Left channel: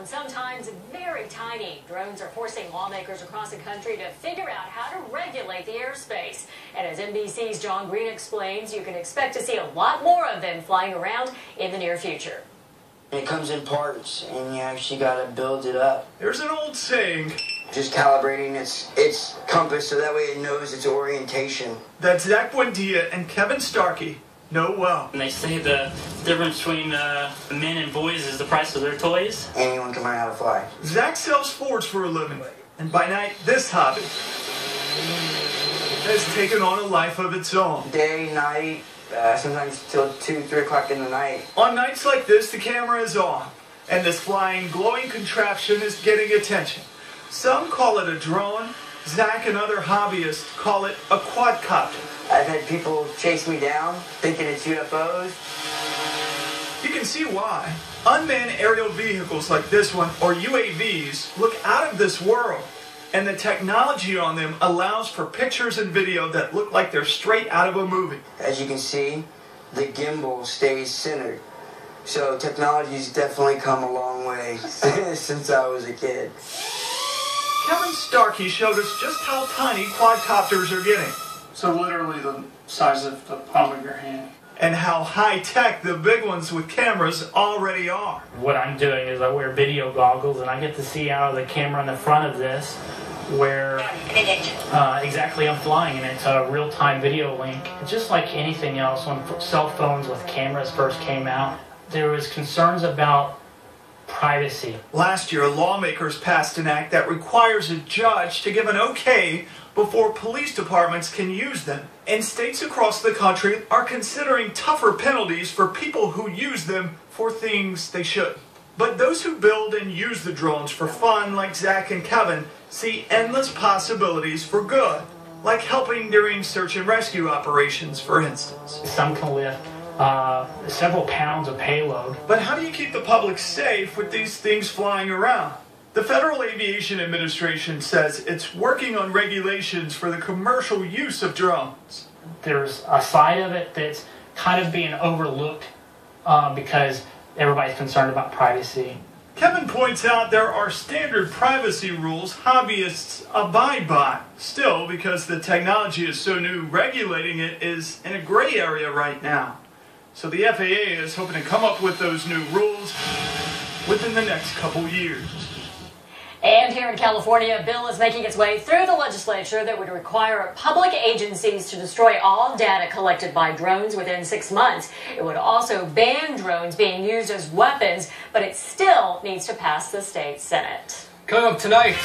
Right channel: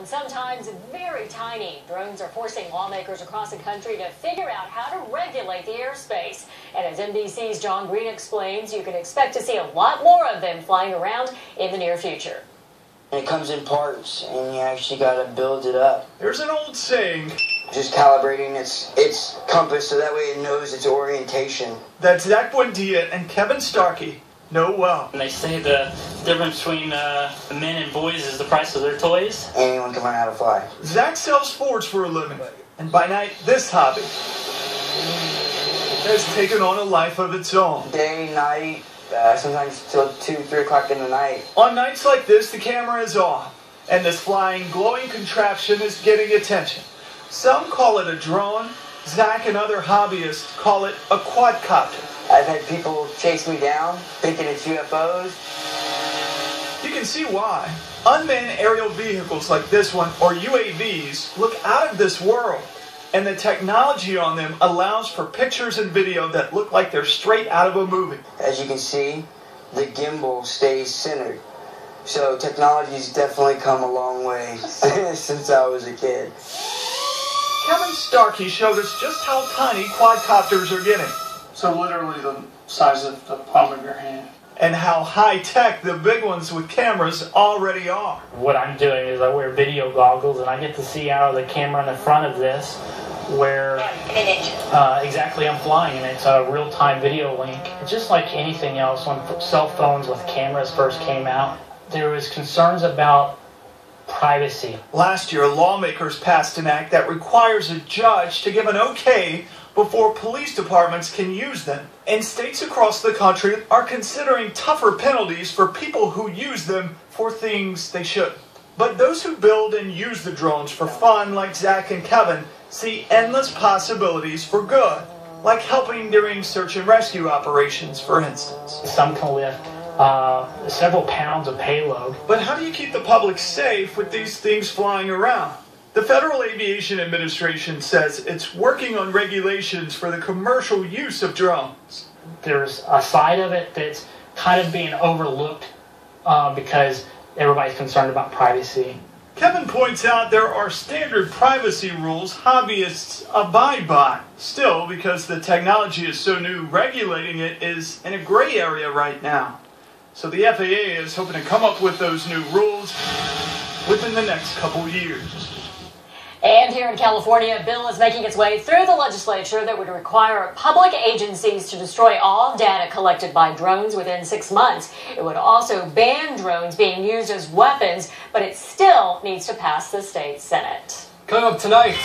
and sometimes very tiny. Drones are forcing lawmakers across the country to figure out how to regulate the airspace. And as NBC's John Green explains, you can expect to see a lot more of them flying around in the near future. It comes in parts, and you actually got to build it up. There's an old saying. Just calibrating its compass so that way it knows its orientation. That Zach Buendia and Kevin Starkey know well. And they say the difference between men and boys is the price of their toys. Anyone can learn how to fly. Zach sells Fords for a living, and by night, this hobby has taken on a life of its own. Day, night, sometimes till 2, 3 o'clock in the night. On nights like this, the camera is off, and this flying, glowing contraption is getting attention. Some call it a drone. Zach and other hobbyists call it a quadcopter. I've had people chase me down, thinking it's UFOs. You can see why. Unmanned aerial vehicles like this one, or UAVs, look out of this world. And the technology on them allows for pictures and video that look like they're straight out of a movie. As you can see, the gimbal stays centered. So technology's definitely come a long way since I was a kid. Kevin Starkey showed us just how tiny quadcopters are getting. So literally the size of the palm of your hand. And how high-tech the big ones with cameras already are. What I'm doing is I wear video goggles and I get to see out of the camera in the front of this where exactly I'm flying, and it's a real-time video link. Just like anything else, when cell phones with cameras first came out, there was concerns about privacy. Last year, lawmakers passed an act that requires a judge to give an okay before police departments can use them. And states across the country are considering tougher penalties for people who use them for things they shouldn't. But those who build and use the drones for fun, like Zach and Kevin, see endless possibilities for good, like helping during search and rescue operations, for instance. Some can lift several pounds of payload. But how do you keep the public safe with these things flying around? The Federal Aviation Administration says it's working on regulations for the commercial use of drones. There's a side of it that's kind of being overlooked because everybody's concerned about privacy. Kevin points out there are standard privacy rules hobbyists abide by. Still, because the technology is so new, regulating it is in a gray area right now. So the FAA is hoping to come up with those new rules within the next couple years. And here in California, a bill is making its way through the legislature that would require public agencies to destroy all data collected by drones within 6 months. It would also ban drones being used as weapons, but it still needs to pass the state Senate. Coming up tonight.